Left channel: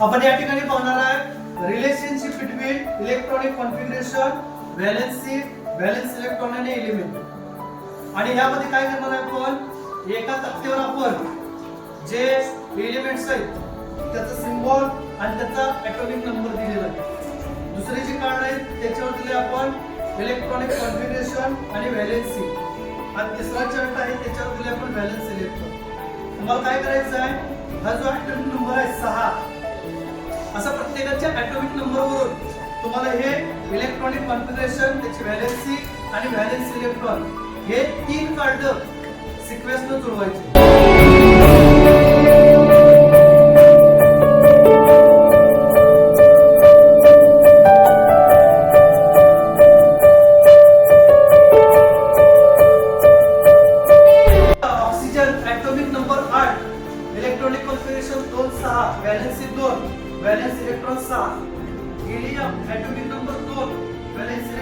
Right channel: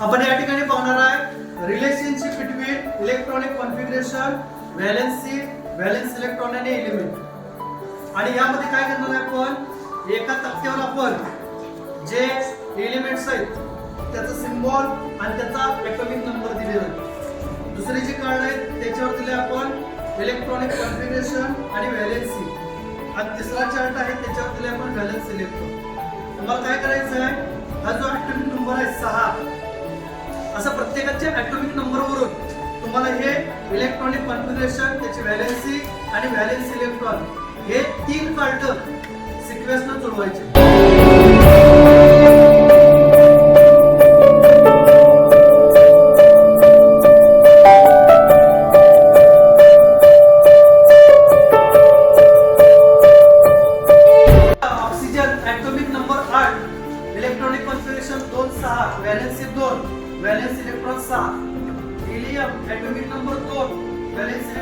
आपण या ठिकाणी बघणार आहे relationship between electronic configuration, valence electron आणि एलिमेंट। आणि यामध्ये काय करणार आहे आपण, एका तक्त्यावर आपण जे एलिमेंट्स आहेत त्याचा सिम्बॉल आणि त्याचा ॲटॉमिक नंबर दिलेला आहे। दुसरे जे कार्ड आहेत त्याच्यावर दिले आपण इलेक्ट्रॉनिक कॉन्फिगरेशन आणि व्हॅलेन्सी, आणि तिसरा चार्ट आहे त्याच्यावर दिले आपण व्हॅलेन्स इलेक्ट्रॉन। तुम्हाला काय करायचं आहे, हा जो ॲटॉमिक नंबर आहे 6, असा प्रत्येकाच्या ॲटॉमिक नंबरवरून तुम्हाला हे इलेक्ट्रॉनिक कॉन्फिगरेशन, त्याची व्हॅलेन्सी आणि व्हॅलेन्स इलेक्ट्रॉन हे 3 कार्ड सिक्वेन्सनं जुळवायचे। Atomic number 8, electronic configuration 2 6, valency 2, valence electron 6। Helium atomic number 2, valence